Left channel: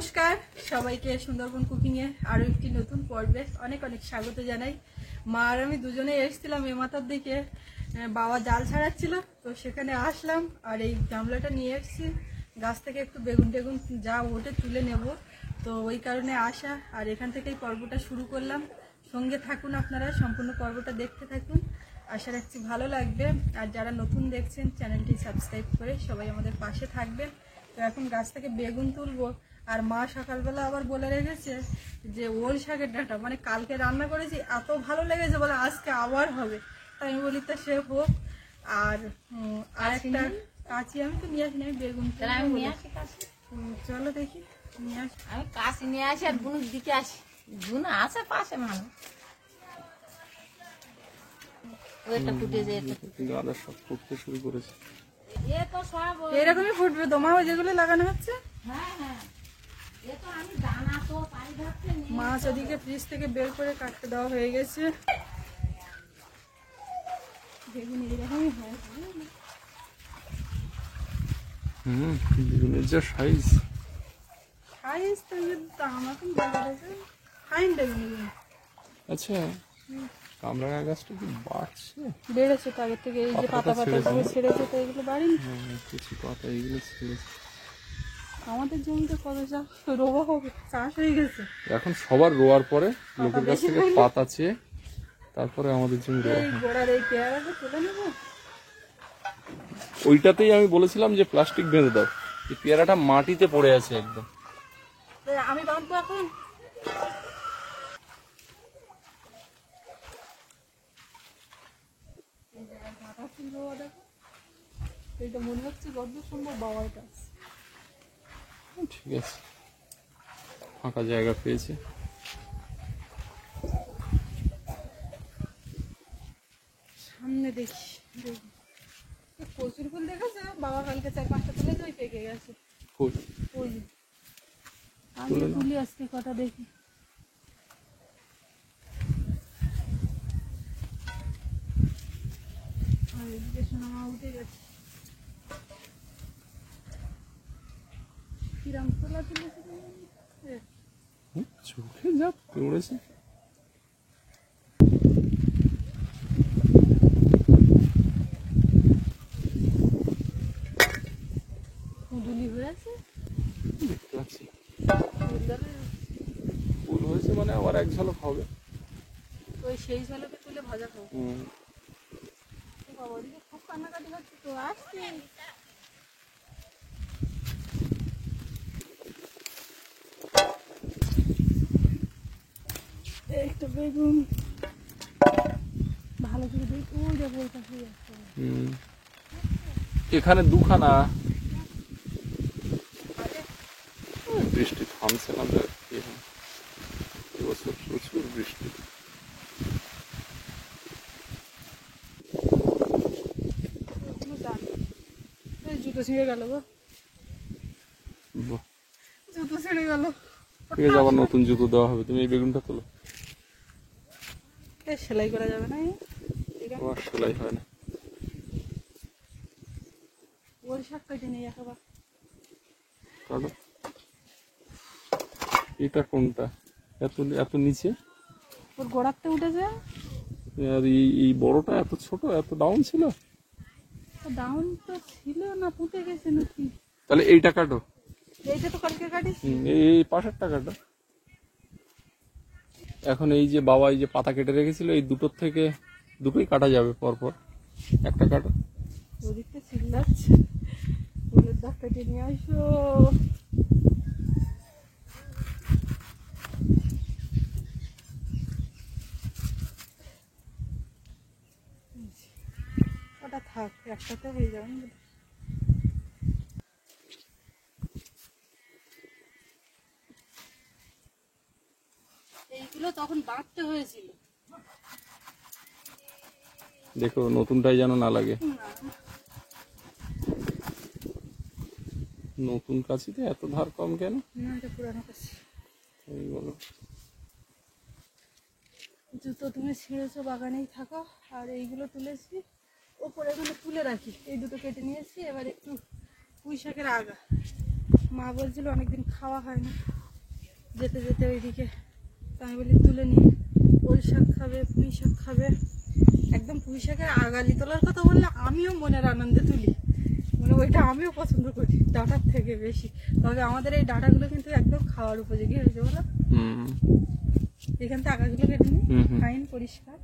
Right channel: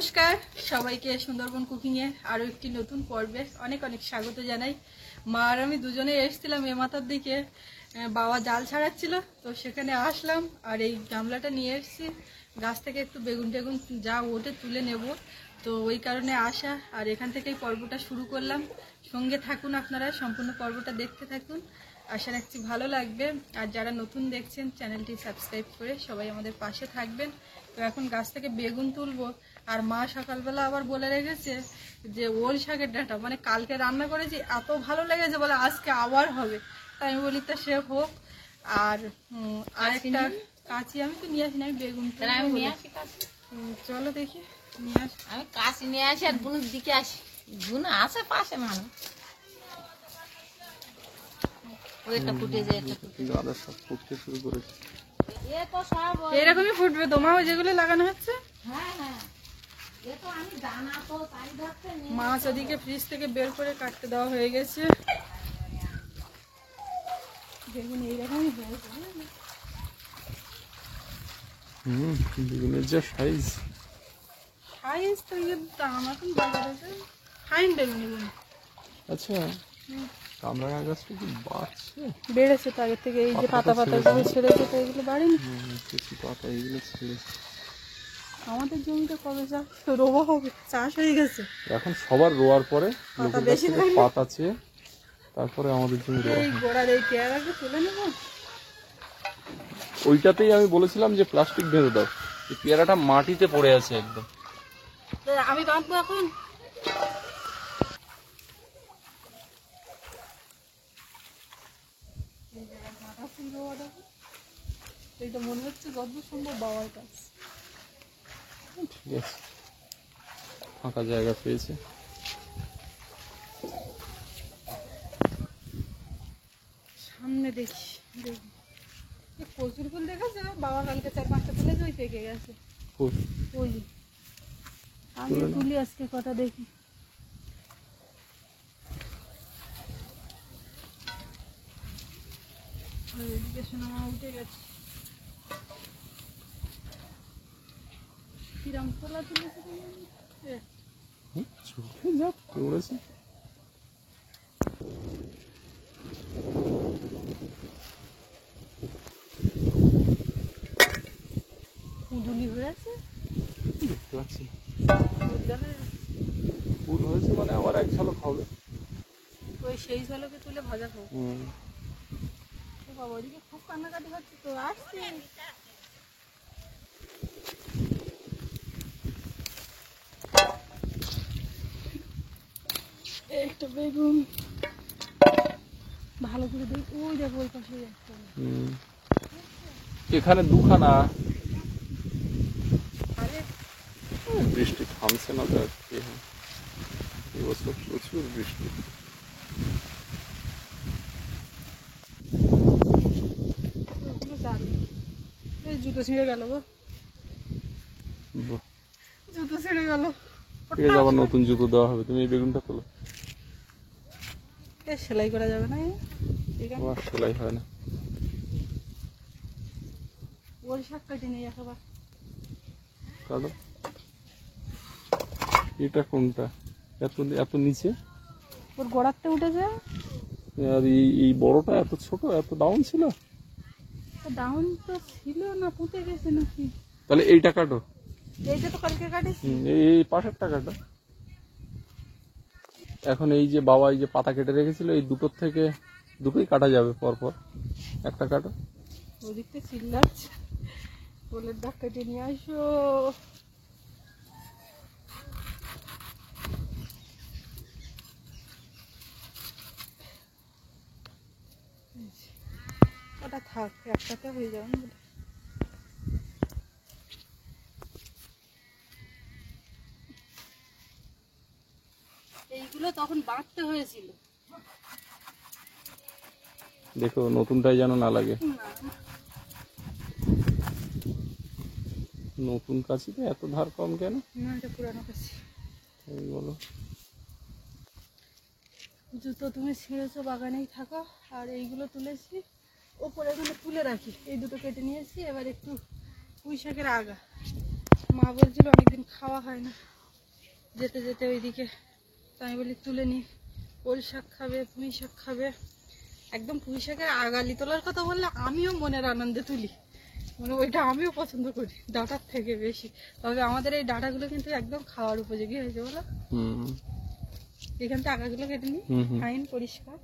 নমস্কার সবাইকে সুন্দরবন কুকিং এর আরো একটি নতুন পর্বে অনেক অনেক স্বাগত জানাই। মা আর আমি দুজনে এসেছিলাম এ মাথার দিকে, বাবা জাল ছাড়াচ্ছিল তো সেখানে আসলাম আর এই গামলাটা নিয়ে এসেছি। গাছ থেকে একটু বেগুন টেগুন যা ওঠে তুলে নেব, তো ওই কারণে আসা। আর এখান থেকেই পর্বটা শুরু করলাম। সঙ্গে থাকুন, আপনারা সম্পূর্ণ পর্বটা দেখতে থাকুন, আশা রাখছি ভালো লাগবে। আর যারা নতুন দেখছেন চ্যানেলটি সাবস্ক্রাইব করে সবাই আমাদের পাশে থাকবেন। তো এখন গাছ থেকে বেগুন তুলবো। আর মা সকালবেলা আবার বলে রেখেছে যে ওল শাকের ডাঁটা, মানে কালকে রান্না করেছি এত ভালো লেগেছে বলে আজকে আবার হবে। তাই আমি বলি তা সে হোক। আর আরেকটা কাঁচি আমি তো নিয়ে আসি না, আমি বেগুন চলো দেখি নিয়ে আসি। আমি কাশি নিয়ে আসি আর বুনুর দিকে আসি, বুনু আছে পাশে মানুষ। এরকমই ফুটবে তোমাও যেগুলো লাগানো হচ্ছে। মাছ ওদিকে ফ্রিজ থেকে বের করে কাটতে দেওয়া হয়ে গেছে। বেগুন এইরকমই হয়েছে। বেগুনের যা সাইজ তো দাম এখন বাজারে ফাইন বেগুন এগুলো। আচ্ছা, কামরাঙা গাছটা কি বাড়ছে? বেড়েছে তো আগের থেকে। এই যে পাতা গুলো ছেড়েছে তো ওইগুলো বাড়েনি। কিছু পাতা এগুলো ছেড়েছে। আমাদের জমিতে কত রোগা হবে, চাষ হয়ে গেছে এখন সবার রোয়ার পরে লোকের কাছ থেকে পাতা চেয়ে তারপরে আমাদের জমি রোয়া হয়। গোড়ার এই পেয়ারাকে তুলে নেবো। ওইটাতেই আমি বলেছিলাম যে প্লাস্টিক বেঁধে দাও, এই পেয়ারাটা মাটিতে পড়ে আছে একদম। আমি বাঁধবো এখন। এইটা মনে হচ্ছে কত সুন্দর বাবার কাছ। ঠিক আছে, ফাঁকা জায়গা পেয়েছি। সামনে দেখি প্রচুর ফুল দেখেছে বাবা, কালকে 4-5টা তুলেছে, ওই পেকে গেছে। ওই যে আমি তুলি আজকে কটা দেখি। আর এদিকে সোনামা উঠে গেছে। কিরাম তোলা তুলেছে চোখে যা পড়েছে। কুঁদুলি হয়েছে, দেখতে পাচ্ছি ফুল হয়েছে, মানে আবার এক ঝলক হবে। ওই সেই ঝলকে তুলে ভাজা খাবো। বাবা ওদিকে খুব কান্নাকাটি হচ্ছে তো, আসছি। একটা বেগুন ভালো করে দেখি, ওই দেখো ওই পাশে যাচ্ছে। এখানে দুখানা। বৃষ্টি থামছে না তো, এবছর প্রচুর বৃষ্টি। ওই জুতো ছিঁড়ে গেল গো, জুতো ছিঁড়ে গেল। ঠিক আছে, আবার নতুন জুতো দেওয়া হবে। তুমি এই বেগুনটা তোলো। সেলাই করা যাবে না, আবার সেলাই হয় না। ওর শাক কেটে নেই একবার। কাটো। এটা কোনটা? এত এত নিচে, ওর গোড়াতে উঠেছে। আর এই বড়টা এত ছোট, এত ডাউন ছিল। ডাউন তো ছিল না, পুঁতে গেছে নাকি? তাহলে এইটা কাটো। এইটা তো কালকে কাটিস। এই পাশেরটা কাটো। এখন এই যে বাবা এই যে পাতা কেটে রেখেছিল, এই দুটোর থেকে দুটোই কাটা যাবে পরপর। একটা কাটো। ওদিকটা চিল্লাচ্ছে, ফুলের দাগ কেটে নিয়ে আসো। ওটা থাক, একসাথে হয়ে যাবে না। এইগুলো তখন বাঁধতে হয়েছিল। দেখো নতুনটাই যেন না লাগে। নতুন কাছিতে এত ধার কম কেন? না, এটা পুরানো কাছি। এই বলো, জুতো তুমি ছিঁড়েছো, বাগানেই থাকো। আর এইগুলো তুলেছি ওপরে, এখানে তুলে রাখি। এই দুটো কেটে নিয়েছি। এবার একটু পুঁই শাকের আগা মা বলছিল অনেকদিন খাওয়া হয় না, যেতে যেতে ওইদিকে। তো আমি বলি তুলে নিই, ওল শাক খাবে, পুঁই শাক খাবে। একদম পুঁই শাকের আগালি তোলার কথা বললে আমিও মনের আনন্দে তুলি, মানে ওইটা আমিও পছন্দ করি ডাঁটার থেকে বেশি। তবে আমাদের এই ডাঁটাগুলো কিন্তু একদম খাওয়ার উপযোগী হয়েছে বলো। এখান থেকে আগাগুলো কেটে নিই, ফাইন পরিষ্কার,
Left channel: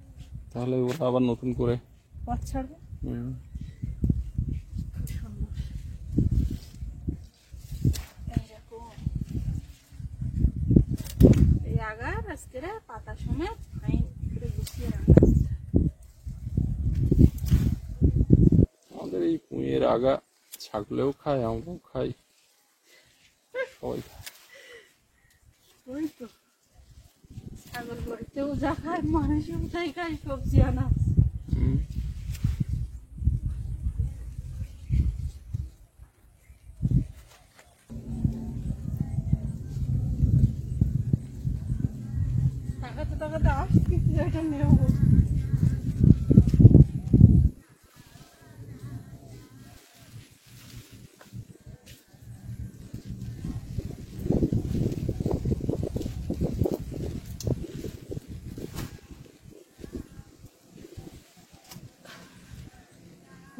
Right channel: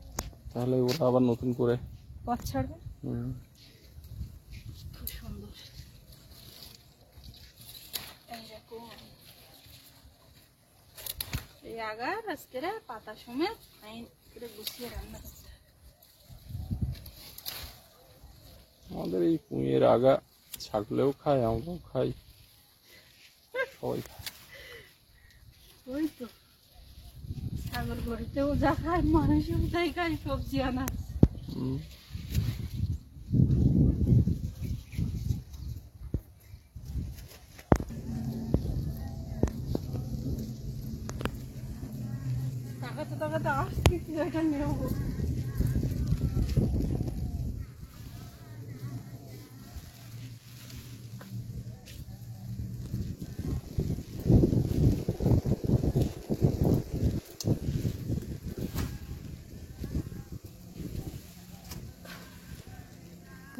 তাহলে ওরা আবার নতুন করে পথ ছাড়বে। খুব সুন্দর। এইরকম এই আগার আজকে পাতা সমেত ফাইন করে গুছিয়ে রান্না করতে হবে। আমাদের এই পুঁইয়ের আগা ছাগলেও খায়, আমরাও খাই, সবাই খায়। ওই তো ছাগল গড়িতেও যা খায়, মানুষও তাই খায়, সবজি আনা। তাকাতে তাকাতে আসছি এটা নেবো।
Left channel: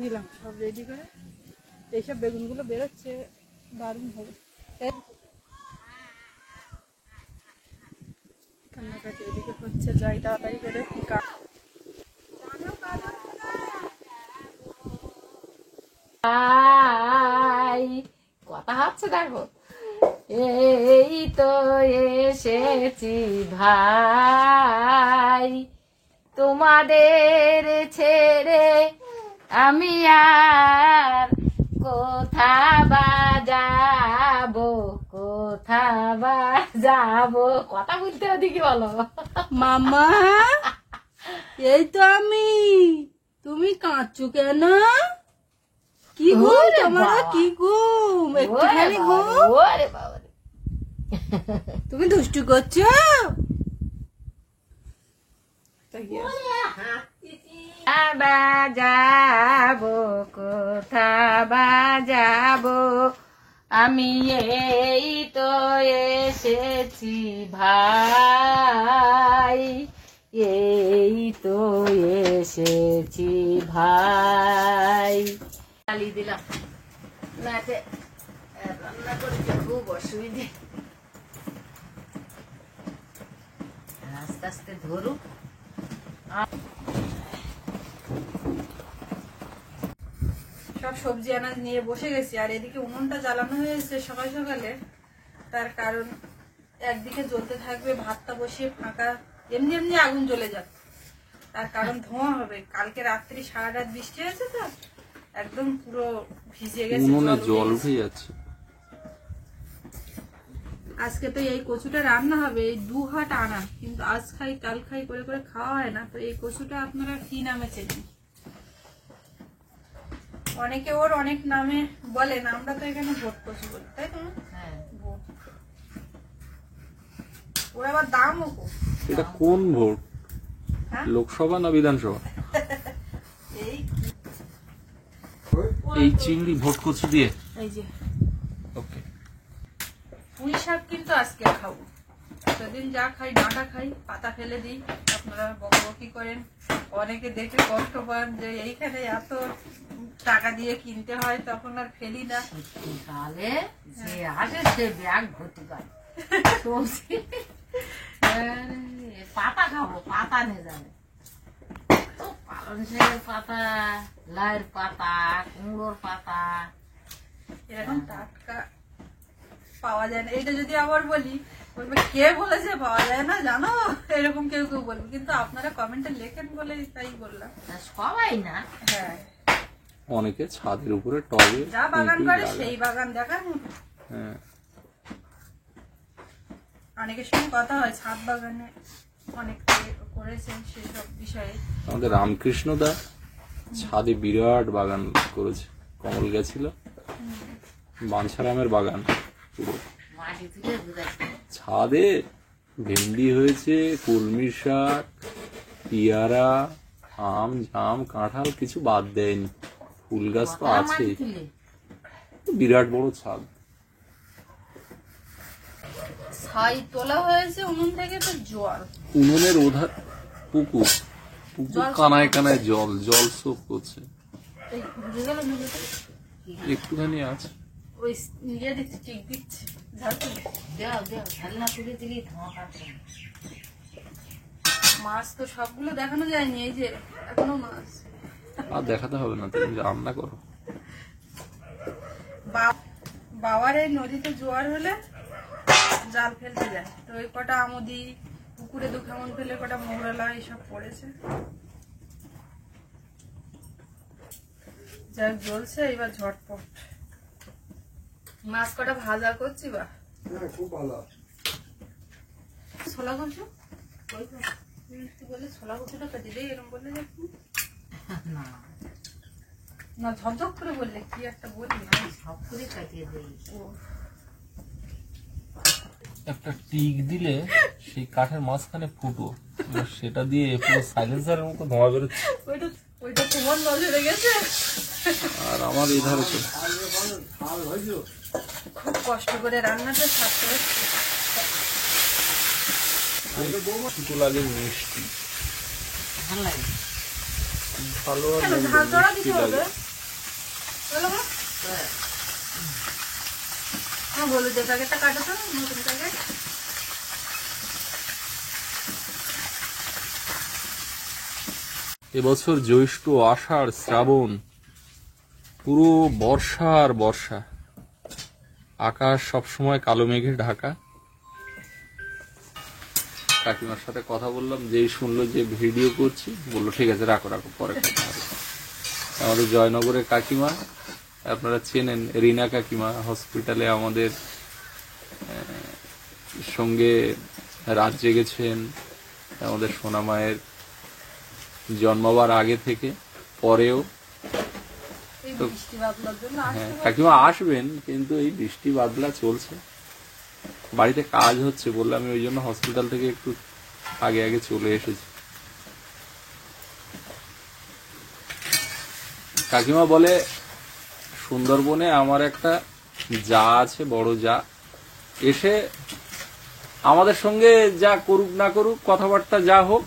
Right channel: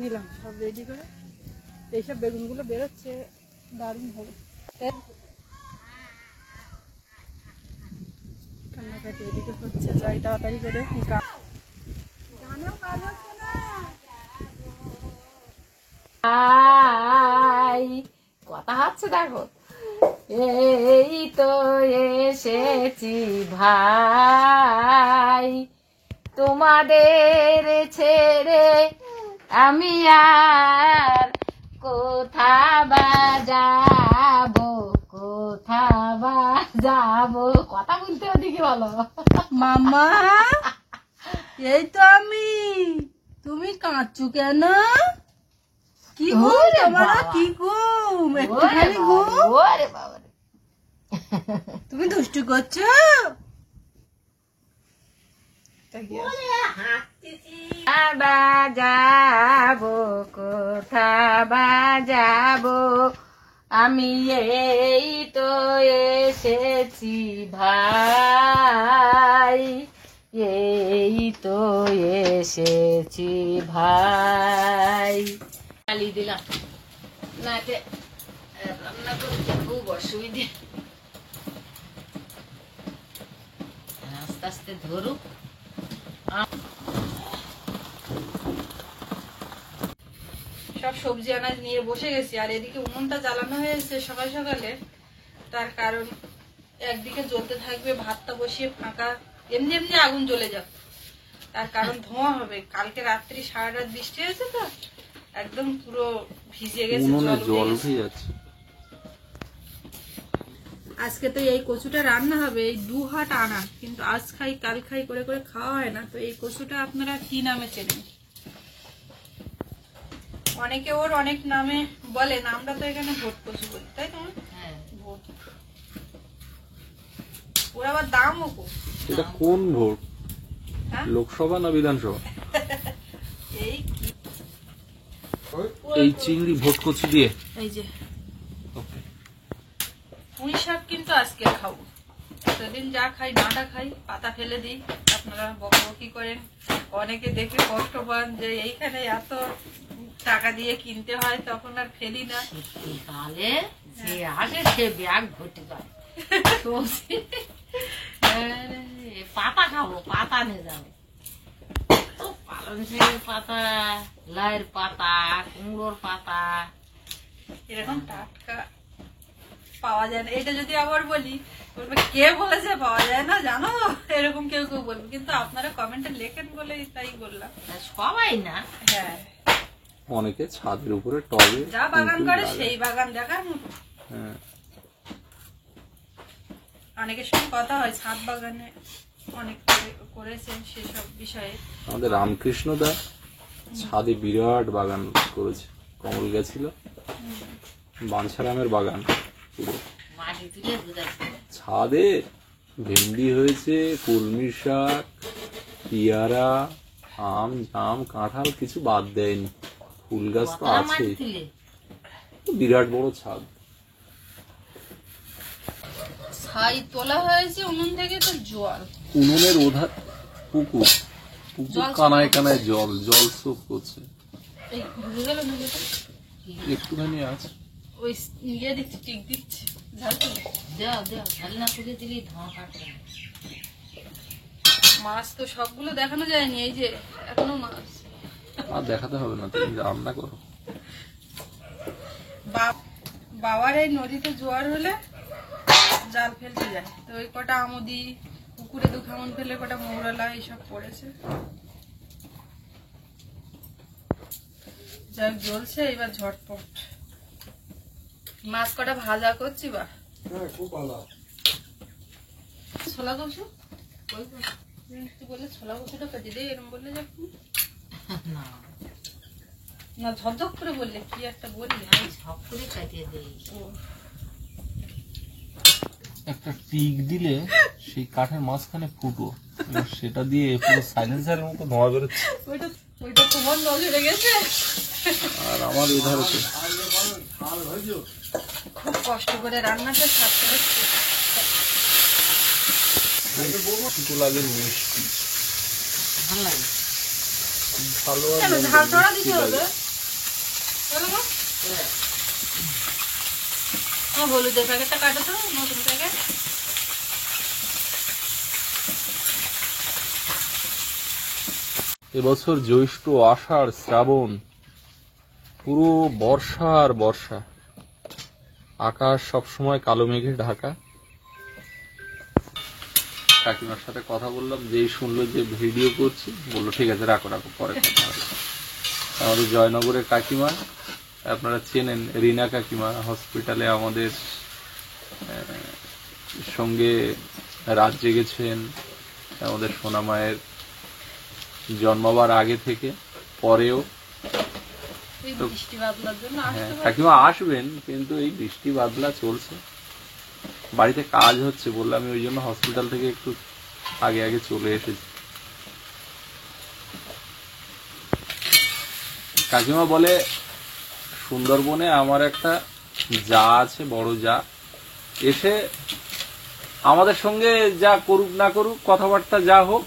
নিলাম সব রেডি করে। এইসব বেগুনগুলো বেরোচ্ছে দারুণ হবে। কান্নাকাটি এদিকে হচ্ছে, যাই তাড়াতাড়ি করে। কথা হচ্ছে দেখো, এই তো এসেছি ভাই, তোমাদের ছেড়ে আমি আর কোথা বা যাবো, কোথা বা যাবো। কথা বলতে ওদিকে বলো। মামা এই তো আমি, তুমি কাঁদছো কেন? কি গো তোমার, কি গো একটুখানি গো, ওরে বাবা, তুমি দুষ্টু করছো? বা যাবো, কোথা বা যাবো, আমি এই তো এসেছি ভাই, এই তো এসেছি ভাই। চালিয়ে দিলাম, নাতে রান্না করতে খুব অসুবিধে। আস্তে আস্তে ধরুক। সব সবজি আনাজ নিয়ে বসে গেছি, আর এদিকে উনুনটা জ্বালানো হয়েছে সকাল সকালে। তার কারণ একদিকে জ্বলতে থাকবে, ভাতটা বসিয়ে ফাঁকা, এমনি এমনি আগুন জ্বলে যাবে, তার কারণ ধোঁয়া হবে। কালকে রাত্রি সারা রাত বৃষ্টি হয়েছে তো একদম পুরো ভিজে গেছে, উনুনে জল জল উঠে যাচ্ছে। আজকে তো এই কচুটা রান্না হবে, এই 2 হাট আনা, কিন্তু আজ খাই কাল খাই করে করে খাওয়া হয় না। তো এই কচুটা আপনারা কি নামে চেনেন? অনেকে ওর অনেক নামে বলেন, আমরা তো এখানে ভোট কচু বলি, তাই তো? হ্যাঁ, ভোট। ওর আবার দামও খুব। এটা কোন ভোট, হ্যাঁ? লোকসভা না বিধানসভা? এই এই চিংড়ি ভোট কচু দিয়ে। এই যে ওকে, পুঁই শাক কিন্তু আজকে খাবো, সেদিন যা খাই ডাঁটা খাই, পাতা ফেলে দিই। আপনারা বকবকি করেন, অনেকে দেখে কষ্ট পান যে এইখানে এত টাকা দিয়ে কিনতে হয়, তখন আর ফেলি না। শীতকালে যে আসে সে ব্যাগ ভর্তি করে সবজি। পাতা খাবো, পাতা নিয়ে যাবে তো, পালং শাকের পাতা, লাইয়ের পাতা, কুমড়োর পাতা, এরকম টাটকা পাওয়া যায় না। এটা যদি আবার বলি, বলবে কে বলেছে পাওয়া যায় না জানো, এরকম কেউ কেউ বলবে। কিন্তু আপনারা কমেন্টে লেখেন বলে তাই বললাম। তা সবাই না। হ্যাঁ, অনেকে ছাদের উপরে টবে যা বাগান কুঁকুই করে লাগায়। সেই বাগান দেখার মতো। হ্যাঁ, অনেকের সঙ্গে কথা হয়, ছাদ বাগানে অনেক করেছেন সেসব বিষয়ে। আমাদের রামকৃষ্ণ দা ছাদে বিরাট বাগান করেছে, কমল গেছিল, বাঞ্ছারামের বাগান পুরো। মাটি তুলে গুদাইছে। ছাদে ভেন্ডি হয়েছে, কলমি শাক, পেয়ারা, আম, জাম, কাঁঠাল, কিছু বাদ দেয়নি। ফুল গাছ তো কতটা আছেই, মাটি তুলে? বিরাট বড় ছাদ। ছাই তোলা হয়েছে উনুন থেকে, তো জল উনুনের ওধার পুকুর, পুকুর কানায় কানায় জল, জল সোপ করছে। এই ঢুকে গেল নুনটা। একটুখানি আছে। ওই ইয়ে দিচ্ছি, টিক দিচ্ছি, ঝাল তুলে। ঝালনা তুলে দিলেই ধোঁয়া কাটবে না। মাছ তো সবগুলো দেখানো যায়নি, এই যে এখনো মাছ। আর দেখাতে হবে না, তুমি রান্না করো। বাবার এই নদীতে জোয়ার হলে জাল ফেলতে যায়, তো ওই কটা আমদি পুকুরে 2 খামন ফেলে কটা মৌরলা এইসব পড়েছে। যাই জ্বলছে এবার ঝটপট। মাছ কটা ভাজা করছি বা ছোলা কষু তুই বললে ছোলা কষুটা কাটি দে, এরকম বললে যখন না না ঝকঝক করে বললে কি একটা বললি। আমি সব করে কাটিয়ে দিই। ও একটা টিক দিলে সেই কাঠের মাঝখানে ফুটো, সেটা দিয়ে পুরো সাইলেন্সারের মতো ধোঁয়া বেরোচ্ছে। ওইটা তোমার নজরে গেছে। আর আমার এধারে তো খুব কষ্ট করে রান্নাটা ছাড়তে হচ্ছে। ফুটো লাগে মিষ্টি, ভালো লাগে। ভালো আর কেন মন্দ ঝাল চড়া মিষ্টি দিতে হবে? লাগে। বলো মা। হলুদের প্যাকেটটা কাটো তো, নতুন প্যাকেট। এবছর জ্যৈষ্ঠ, আষাঢ়, শ্রাবণ, পুরো বর্ষা আর বর্ষা। আকাশ সবসময় কালো মেঘে ঢাকা। কাকিমার সাথে কথা বললাম, যেই শুনলো যে ভিডিও করছি, বললো ঠিক আছে রাখো রাখো, পরে কথা হবে। আমাদের জয়নগরের কাকিমা, আপনারা চেনেন রিনা কাকিমা, হসপিটালে আমাদের সঙ্গে রাত জেগেছেন আমাদের সোনা মায়ের জন্মাবার আগে থেকে, পরেও। এই বৃষ্টি বাদলার জন্য হ্যাঁ, আসতে পারছি কাকিমা আসবেন, কিন্তু এই বৃষ্টি বাদলা চলছে, বাড়িতে কাজ হচ্ছে বললাম, আমি ওই জন্য হসপিটাল থেকে একটু আগে আগে চলে এসেছি। কাকিমা বলে সুন্দরবনে আমার একটা যা আছে, বড় যা, এসে আমাদের সঙ্গে যা করুক না করুক, কথাবার্তা যা হোক,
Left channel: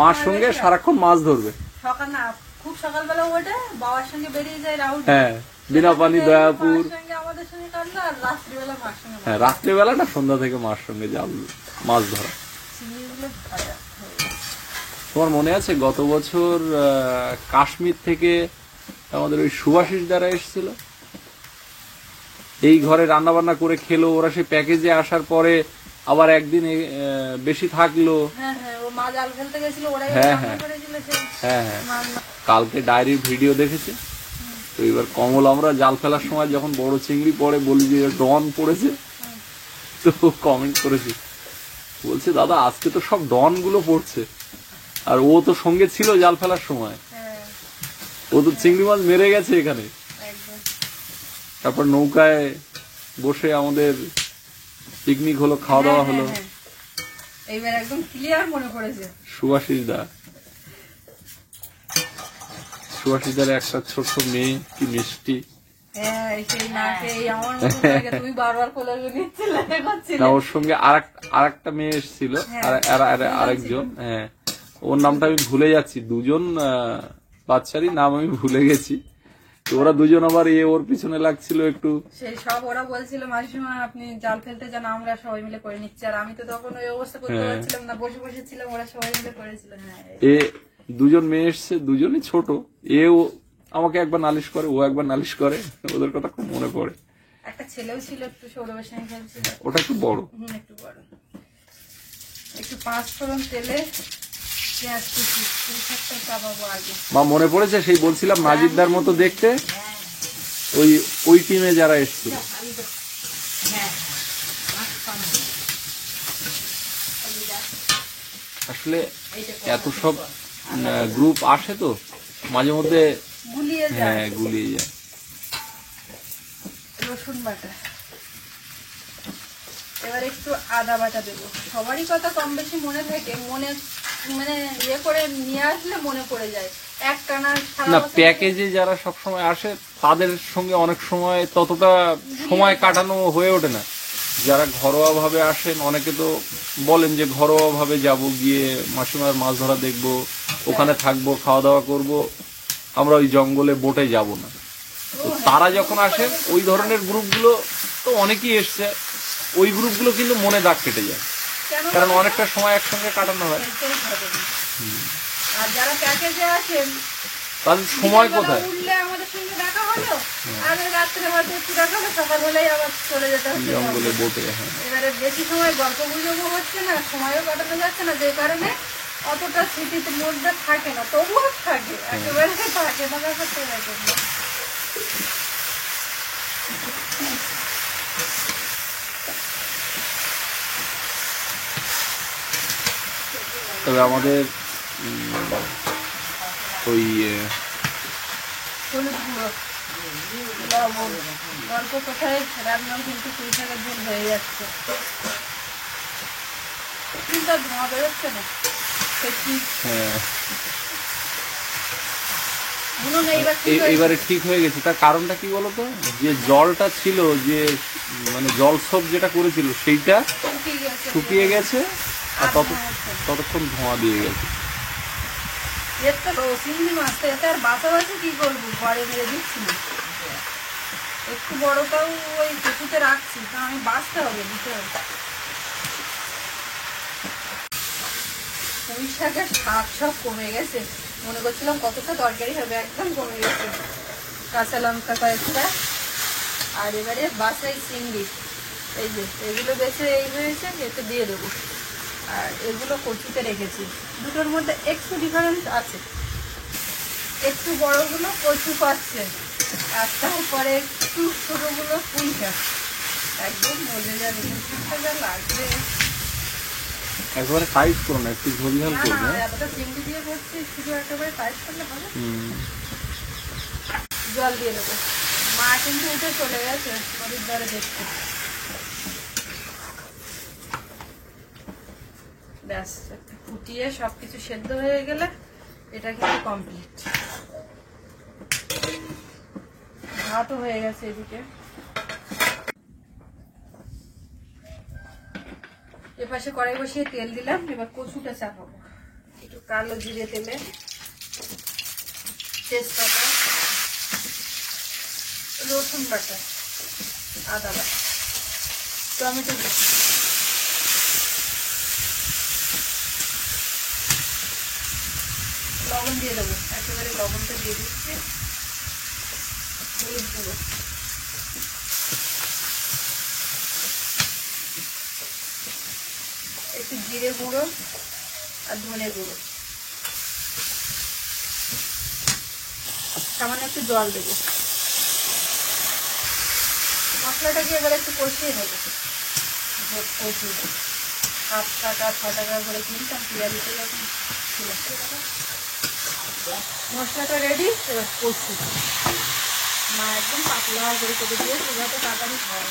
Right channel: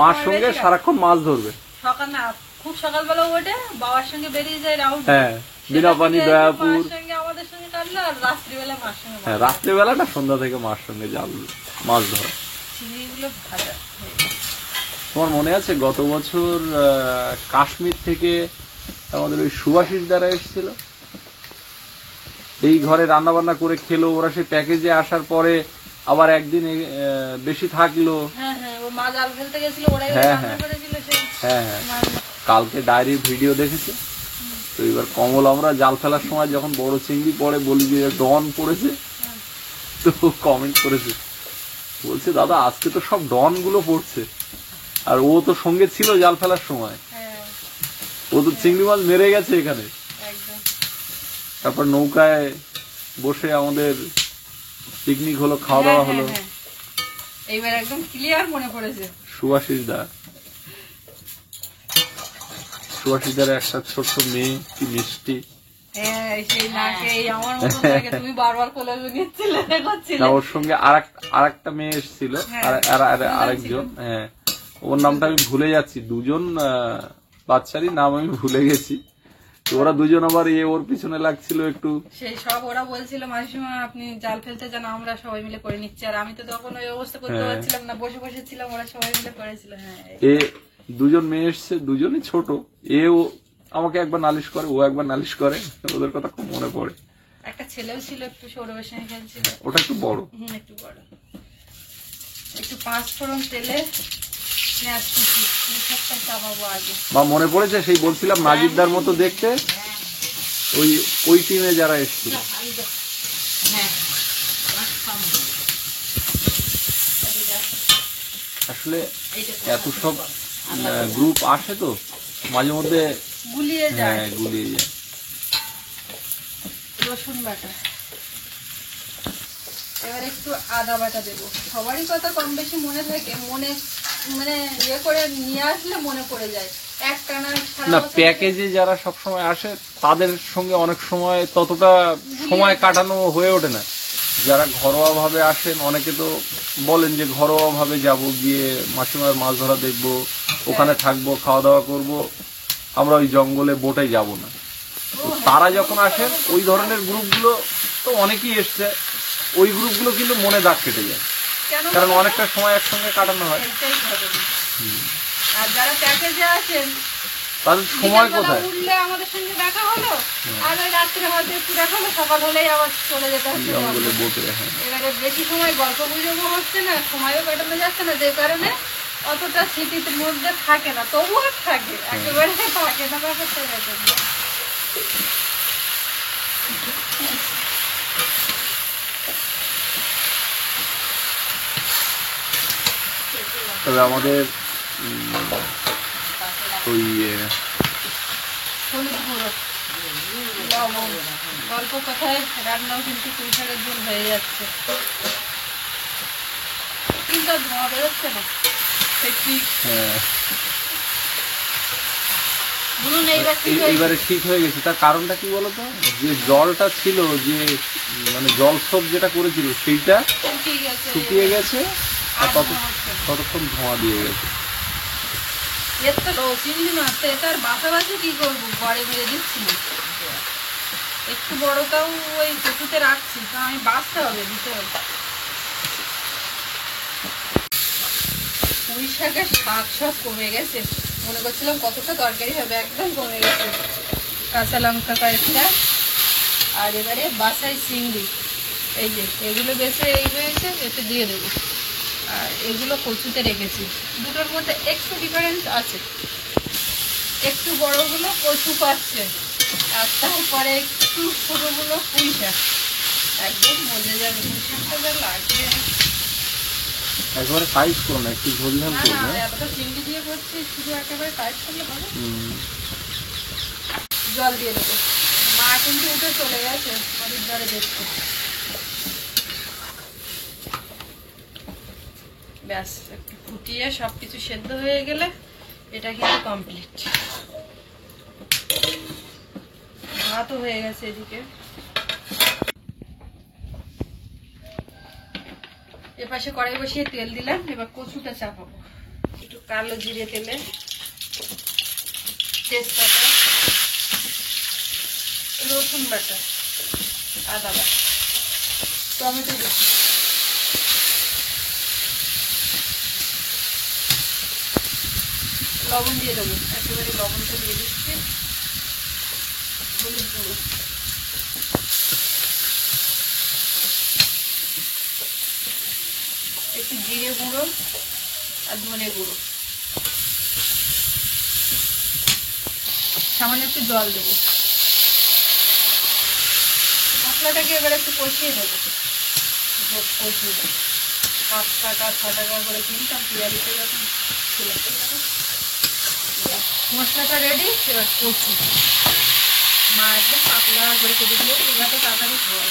মার সঙ্গে সারাক্ষণ মাছ ধরবে। সকাল না, খুব সকালবেলা ওঠে বাবার সঙ্গে বেরিয়ে যায় রাউন্ড। হ্যাঁ, বিনাপানি, দয়াপুর, সঙ্গে আমাদের সঙ্গে কাটলো, আর রাত্রিবেলা মার সঙ্গে হ্যাঁ, রাত্রেবেলাটা সন্ধ্যা থেকে মার সঙ্গে জাল মাছ ধরা। চিংড়িগুলো ভাজা। তোমার মনে আছে গত বছর কাশ্মীর থেকে আমাদের ওই সুভাষিস দ্বারা এসেছিল, এই ঘরে রান্না বান্না করে খেলো, ওরা সেই প্যাকেজে আসার পরে আবার একদিন বেশি থাকলো। হ্যাঁ হ্যাঁ, ও মা জাল ফেলতে গেছিল, ওরাই হ্যাঁ, রান্না হ্যাঁ। করেছিল সেই হ্যাঁ হ্যাঁ, রান্না। কালকে ডায়েরির ভিডিও দেখেছে তো। এবার কমল আমরা জাল ফেলার সময় যখন বড় চিংড়ি পড়ে বলি যে ডন পড়েছে, তো কমেন্ট করেছে, বলছে দাদা আজকে তো সব ডন গুলো পড়ছে, আর ও তো সঙ্গে ছিল জাল ফেলার সময়, হ্যাঁ ও তো চিংড়ি মাছ মেরে গেছে এখানে। একদম। তারপর নৌকায় বসে আমাদের পিকনিক হলো, খাওয়া দাওয়া হলো। হ্যাঁ, হ্যাঁ। এইবার একদম ক্লিয়ার মনে পড়েছে। সুভাষিস দার একটা ছোট্ট মেয়ে, কি মিষ্টি। হ্যাঁ, সেই নাকে এই আমার মতো লাগে, তুমি বারবার কোলে নিচ্ছিলে, করছিলে। না, ওর সঙ্গে আর একটা মেয়ে এসেছিল, আরেকজন, হ্যাঁ, ওর নামটা আমি ভুলে যাচ্ছি, দুজন বাচ্চারই নাম আমি ভুলে গেছি। তো ওরা দুজন আবার ওর পিছনে লাগছিল একটু। সেই সব ওরা বলছিল মাঝিমা আপনি জাল ফেলতে যান, আমরা সবাই মিলে করে নিচ্ছি, আর আমি তো তখন ওই অবস্থা করতে পারছিলাম না, বসে বসে ছিলাম, ওরা সবাই মিলে করেছিল। হ্যাঁ, দুজন মেয়ে এসছে, দুজনই ছোট, ও আমাকে একবার নালিশ করে, ও একবার নালিশ করে, ওদের কথা খুব মনে পড়ে। একটা ছেলেও ছিল, একটু সৌরভের সঙ্গে খেলছিল। ওটা একটু বড়, একটু বড়। একটু 5 ফোড়ন তেলে পেঁয়াজ কুচি সবটা চাপাবো আগে। মা মনে পড়েছে সেই বলছিলাম নাজিরদার মতো দেখতে, ওই টিমে যারা এসেছিল। আসলে এত সব গ্রুপ আসে তো মাঝে মধ্যে গুলিয়ে যায়। হ্যাঁ, গুলিয়ে যায়। রসুন বাটা, এবার একটু আদা বাটা দেবো। সবারই কথা কম বেশি মনে থাকে, মনে মানে ইয়ে করে নিয়ে আসলে মনে পড়ে যায়। একটানা না, প্যাকেজে যারা সবসময় আসে তাদের সঙ্গে অনেক সময় ততটা সময় কাটানো হয়ে ওঠে না, যারা ঘরোয়া ভাবে আসেন অনেকে তো বলেন যে ঘরোয়া ভাবে যাবো, গিয়ে মাসিমার মাছ ধরা দেখবো, ওখানে থাকবো, খাওয়া দাওয়া করব, আমরা ওই জঙ্গলে বোটে যাব না। তো তারা যখন আসেন ওই ধরনের গ্রুপগুলো তো অনেকেই এসছে, ওই গ্রুপগুলো কিন্তু মনে দাগ কেটে যায়, কেন কারণ অনেকটা সময় একসঙ্গে কাটানো হয়। এটাই ঘটনা। আর যারা প্যাকেজে আসেন তাদের সময় বিকালবেলা কোথায়? উঠলে আমাদের সঙ্গে দেখা হলো, আর ওই রাত্রে হয়তো একটু দেখা হলো, সকাল হলেই আবার চলে যেতে হচ্ছে জঙ্গলে জঙ্গলে। বোটে, হ্যাঁ। এবারে বেশি সময় গল্প গুজবও হচ্ছে না, সময়ও কাটানো যাচ্ছে না, যে কারণে অতটা স্মৃতির মধ্যে থাকে না, তবুও থাকে, একেবারে থাকে না, ব্যাপারটা এরকম। তবে আমাদের ওই হলুদ গুঁড়ো, লবণ, অল্প কথায় রান্নাও কিন্তু পুঁই শাকের ঝোল হয়ে যাচ্ছে, কিন্তু আর ধোঁয়া বেরোচ্ছে না, সে ঠিক হ্যাঁ, বলুন। এইবার ঠিক হয়েছে। এইবারে ঠিক হয়ে গেছে। তার কারণটা কি বলতো, যে জলটা ছিল, যে মানে জলসব যেটা করেছিল সেইটা শুকিয়ে গেছে। শুকিয়ে গেছে, আর আর ধোঁয়া হচ্ছে না। ততক্ষণ ধোঁয়া দিয়ে গেছে। এর তো চিংড়ি মাছ তো, এটা আর বাছাবাছি কি করবো, ঘরে মেরে দিচ্ছি না, একটু বড়টাও ওই কচুতে রাখছি, তা আমি বাঁচতে হবে, দিতে হবে। পুঁই শাকের শাক সব কমে গেছে, মনে করছিলাম কতটা তরকারি হবে, একদম কমে গেছে। কাঁচা লঙ্কা কয়েকটা, আর এবারে বাসাই চিংড়ি, এই যে এগুলো বেশি এই হয়েছে, এতে দিয়ে দেবো। আর এগুলো কচুতে রেখেছি, দুটোর মধ্যে একটু ডিফারেন্স আছে, একটু বড়গুলো কচু পাচ্ছে, আর তারপরে একটু ছোটগুলো পুঁই শাক। একদম মজে যাবে, পুঁই শাকটা যা লাগবে। একেবারে টাইট করো না, একটু ঝোল ঝাল না করবে। না, এতটা চিংড়ি দিয়ে করছি, শুধু একেবারে টাইট করলে হবে। হুম। জল দিয়ে দেবো। মা কিন্তু উঠে চলে গেছে নদীর ধারে দেখতে। ব্যাস, একটু ফুটিয়ে সবকিছু সেদ্ধ হয়ে গেলে এটা কিন্তু কমপ্লিট। ভাতও হয়ে গেছে এদিকে। এপাশে কড়াই বসিয়ে তেল দিলাম, এবার কচুটা চাপাবো। একটু কালো জিরে তেলে, তেজপাতা, রসুন বাটা, আদা বাটা, টমেটো কুচি, লবণ দিয়ে দেবো, একেবারে লবণটা দিয়ে দিচ্ছি, হলুদ গুঁড়ো, একটু জিরে গুঁড়ো আর ধনে গুঁড়ো, সামান্য একটু জল দেবো। মশলাটাকে এবার একটু কষিয়ে নেবো। কষিয়ে 5 টাকা 6 টাকা করে কিনতাম পিয়ারিতে যখন ছিল। মশলাটা রেডি, এবার কষি। মা একদম পাতলা করে কেটে দিয়ে, এভাবে তাড়াতাড়ি হয়।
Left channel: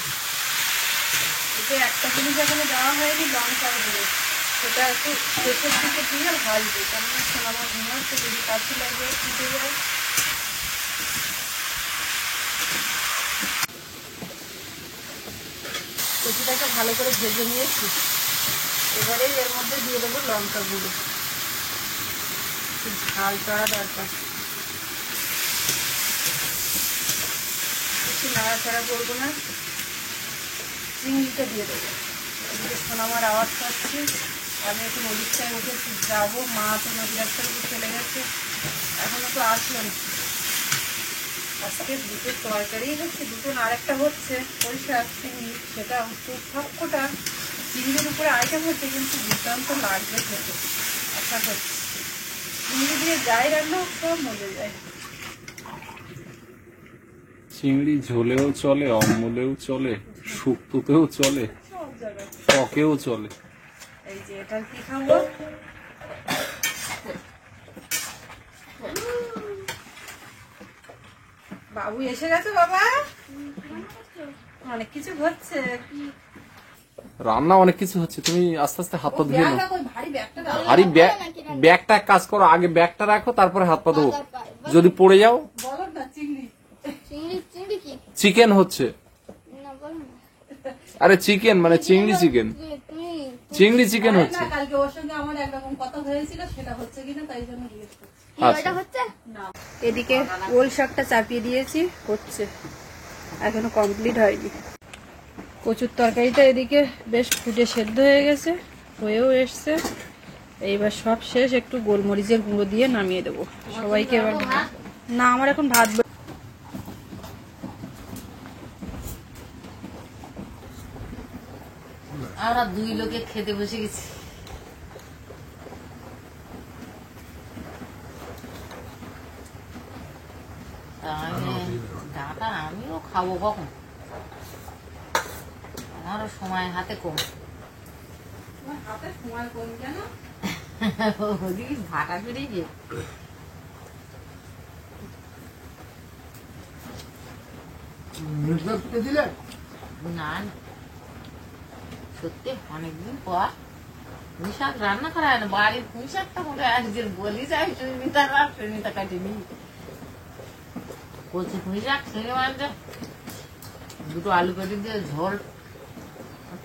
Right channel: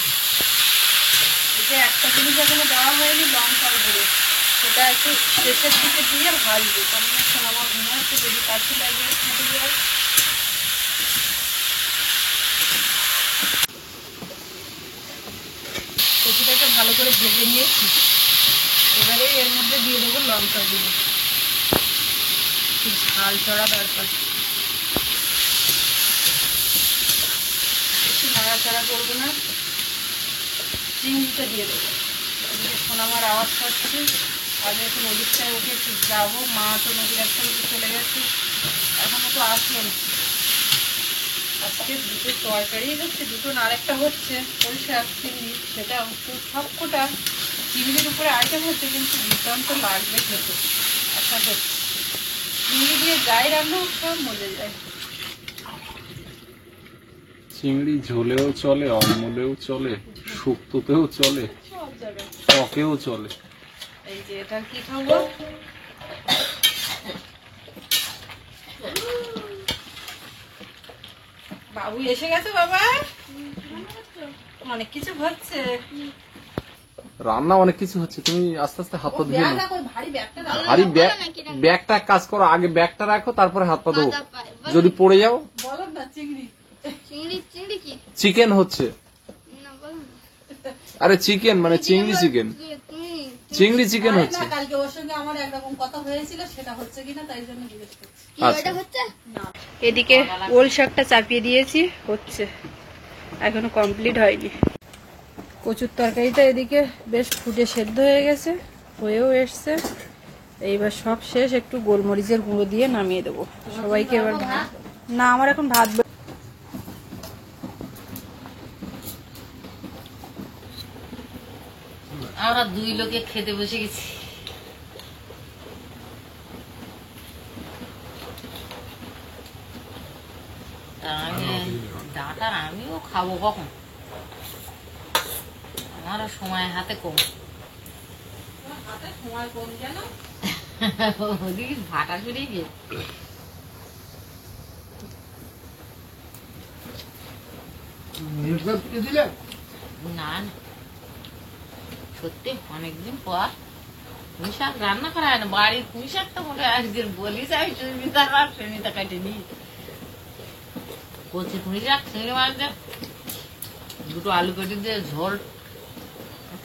এতে একটা জিনিস এখানে দেওয়া হয়নি, লঙ্কা গুঁড়ো, সেটা একটু শেষের দিকে দিয়ে ভাজবো, কারণ এখন আমার ঘুমাচ্ছে, যদি কাছে লাগে ফুটে যায়। কচুটাকে ভালো করে ভেজে নিয়েছি, এবারে এর মধ্যে দিয়ে দেবো লঙ্কা গুঁড়ো, একটু ঝাল চড়া দরকার, বেশি নাড়াচাড়া করবো না। চিংড়িটা দিয়ে দেবো। এদিকে সোনামার আওয়াজ পাচ্ছি, আমি এখন ওদিকটায় উঠে একটু যাবো, মা তো নদীর একটা দিকে চলে গেছে, এখনো তো আসলো না। আজকে দুটো তরকারি হচ্ছে, দুটো না আরেকটা হচ্ছে, সরিষা চিংড়ি, সেটা একটু সবকটা চিংড়ির উপরে আইটেম হচ্ছে, কিন্তু দুর্দান্ত লাগবে খেতে, আশা করছি। চিংড়ি দিয়ে যাই রান্না হোক সব মজে যায়। চিংড়ি ঝোলেও চলে, অম্বলেও চলে, শুক্তোতেও চলে, সব জায়গায়। টকেও চলে। এই যে এটা কি খাবো, বাবু এসে গেছে, বাবা অনেক কিছু হচ্ছে। রান্না অনেক কিছু হচ্ছে, তুমি আস্তে আস্তে হাত পা ধুয়ে নাও। ব্যাগটা কই, ভারী ব্যাগটা দাও। আরে ব্যাগটা এক কাজ করো, আগে ব্যাগটা রাখো, তারপরে হাত পা ধোও। যদি পড়ে যাও। বলো না চিংড়ি। চিংড়ি চিংড়ি কি চিকেন হচ্ছে। না বলো না আরে চিকেন মানে চিংড়ি চিকেন, চিংড়ি চিকেন জানি হচ্ছে। না, কালকে ওর সঙ্গে আমার একরকম কথা হয়েছিল, সেটা হচ্ছে কিনা তাই জন্য জিজ্ঞেস করছি। আচ্ছা এদিকে ওল শাকটা চাপিয়ে দিয়েছি, হচ্ছে, এখনো কমপ্লিট হয়নি। কচুর তরকারিটা এদিকে বেশ ফুটে সেদ্ধ হয়ে গেছে, হয়েও এসছে। এইবার সব শেষ, একটু গোলমরিচের গুঁড়ো দিয়ে নামিয়ে দেবো সবাইকে। এবার না, আমার এখন ভাত আমরা 2 লোকে খেতে বসে গেছি। ডাটা আমিও খাবো কখন, আমারও সময় হাতে কম। ওদিকে ভাটা সরিয়ে গিয়ে না না, সত্যি অনেকদিন পর পুঁই শাক রান্না করা হয় না। বাড়ির পুঁই শাকটা মনে হয় আজকের বলিস, আমি সুমিতা কাটে নি। কচি পুঁই শাক খেলে মানে 2 আলু কেটে দিয়ে ঝোল,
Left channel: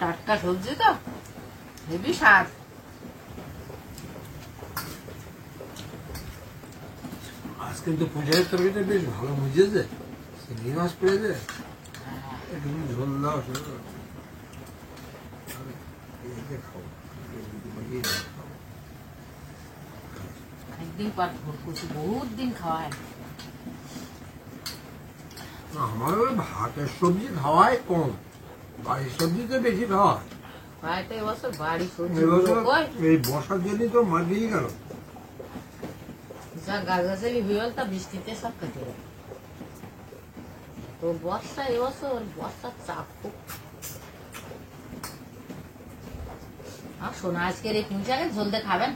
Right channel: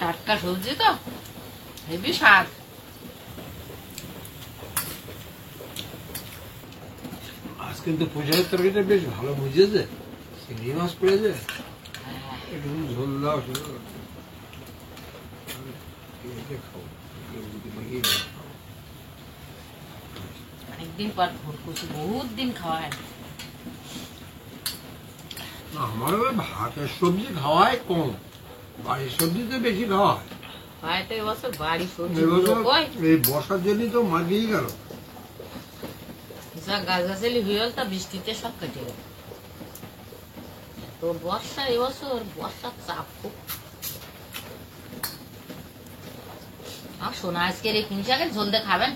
টাটকা সবজি তো হেবি স্বাদ। আজ কিন্তু পুঁইশাকের তরকারিটা বেশ ভালো বুঝেছে, চিংড়ি মাছ পড়েছে, একটু ঝোল দাও শুধু খাও, খাও। অনেকদিন পর ভোর কচু, বহুত দিন খাওয়া হয় না। না, আমার ওই ভাতের সবজি খাওয়াই কম, বাড়ির সবজিতে বেশি খাওয়া হয়। হয়তো এবছর বাড়ি সবজি এবছর কই এই বর্ষার জন্যই তো মার গিয়ে গেল। যা গাছগাছালি হয়ে গেল তা বৃষ্টিতে সব কেটে গেল। তো বর্ষা এবছর বর্ষার চাপ খুব। আর শোনা আজকের এই পুঁই শাকের ঝোল দিয়ে খাবেন?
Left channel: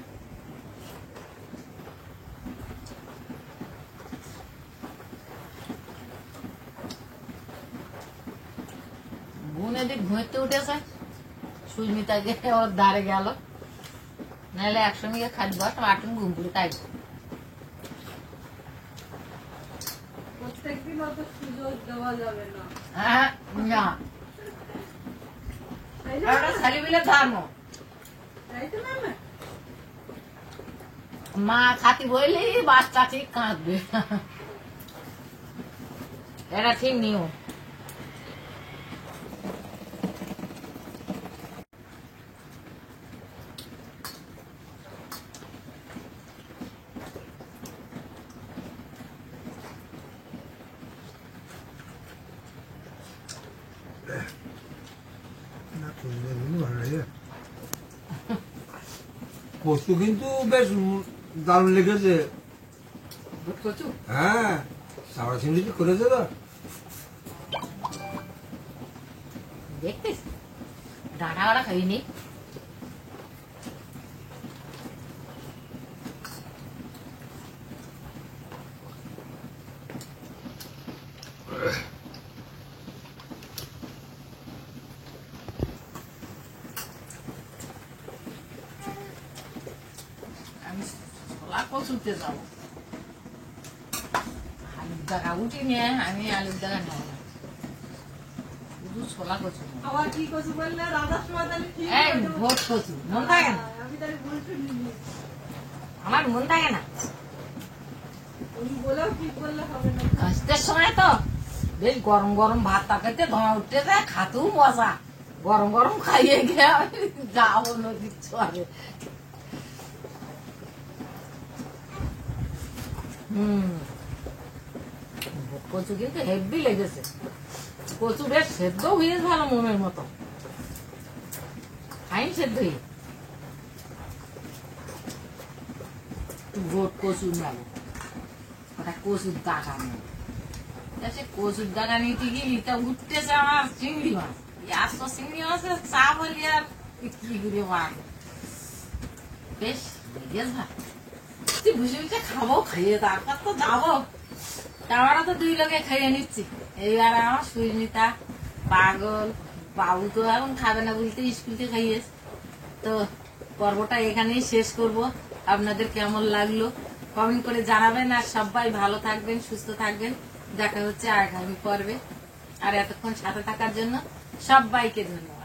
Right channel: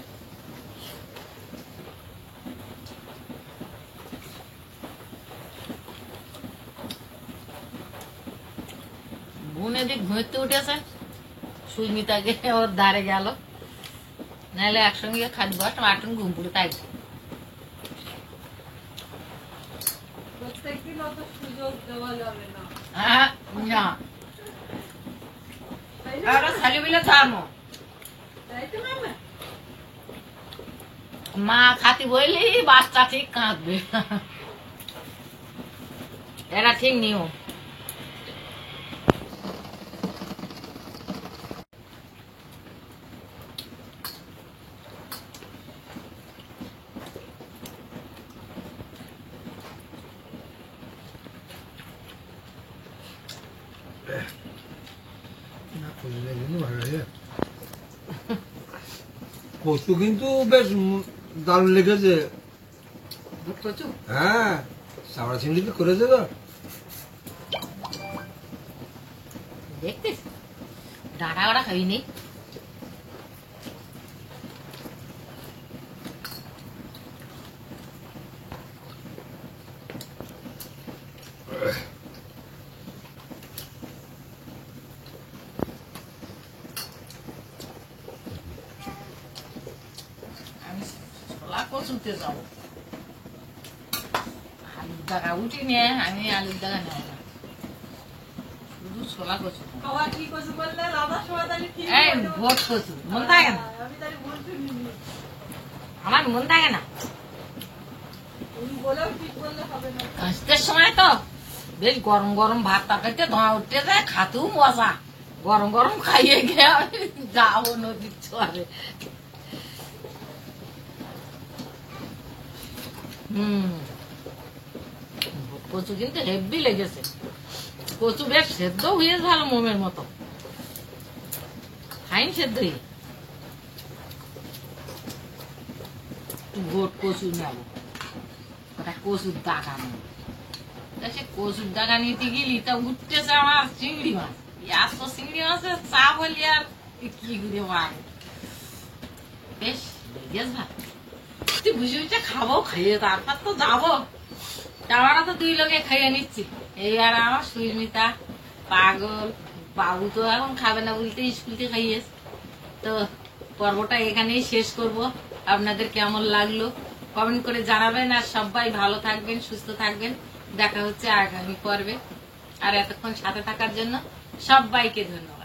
বোন এদিক ঘুরতে উঠেছে, সুস্মিতাকে ওর ধারে গেল, নাহলে একসঙ্গে খাদ্য মাটন ঘুম পুরো তাই। প্রত্যেকদিন অত সুযোগ দেওয়া যাবে না, হ্যাঁ, না তাই না? এটা খালি বিলে ধর্ম। তাই তো মামা? মা খাতি বললি বাচ্চা ঠিক কাঁদবে, এটা ঠিক নিয়ম। না, কচুটা কিন্তু ভালো লাগে। কচু কিন্তু বেশ দারুণ লেগেছে। কচু হ্যাঁ, চাওড়া চিংড়ি তো করেছে তো। দেখতিস ডাটা ওরা খাবি নি। আমি ছোলা কচুতে যাবো, আলুর জায়গা উঠি নিয়ে আমি আলুর জায়গা নেব না, শুধু ছোলা কচু। খাওয়া কি কচু বললে রাধার সময় তাহলে ঠিক এই আছে। ভোট কচু মন থাকে না, আমি তাই বলছি নি। আমার মন থাকে না। উনি বলেও ঠিক বললে হবে না। কাশতের সময় তো বেশ গরম গরম ভাত তরকারিতে ধোঁয়া উঠতে যায়, খাতেও মজা। গরম গরম খাইয়ে গিয়ে আমি যাবো নদীর চরে। কচু কিন্তু হেভি লেগেছে, কচু বেশ সেদ্ধ হয়ে ভালো মোমের মতো, ফাইন সেদ্ধ হয়ে। ভোট কচু নেব, ওটা কচুর দাগা নেব। সে কচুর দাগা নিতে গেলি তা উঠতেছে আমার চিংড়ি মাছ, এত চিংড়ি মাছের চা বলি আর কি করে পাই। বেশ লেগেছ ভাই, তুই বুঝে বুঝে খাবো, খাইয়ে তারপর তো যাবো। আমরা তো 2 লোকে খাইয়ে নিচ্ছি, এই আর আমার সুস্মিতা পাগল। বাবু তো এখন খাবে না বলতে স্কুলকে খাইয়েছ। তো পর্বটা এখানেই শেষ করব। আপনাদের কেমন লাগলো কমেন্ট করে জানাবেন, আর সবাই ভালো থাকবেন, সুস্থ থাকবেন। দেখা হচ্ছে আগামী পর্বে। আর এতক্ষণ সাথে থাকার জন্য সবাইকে ধন্যবাদ।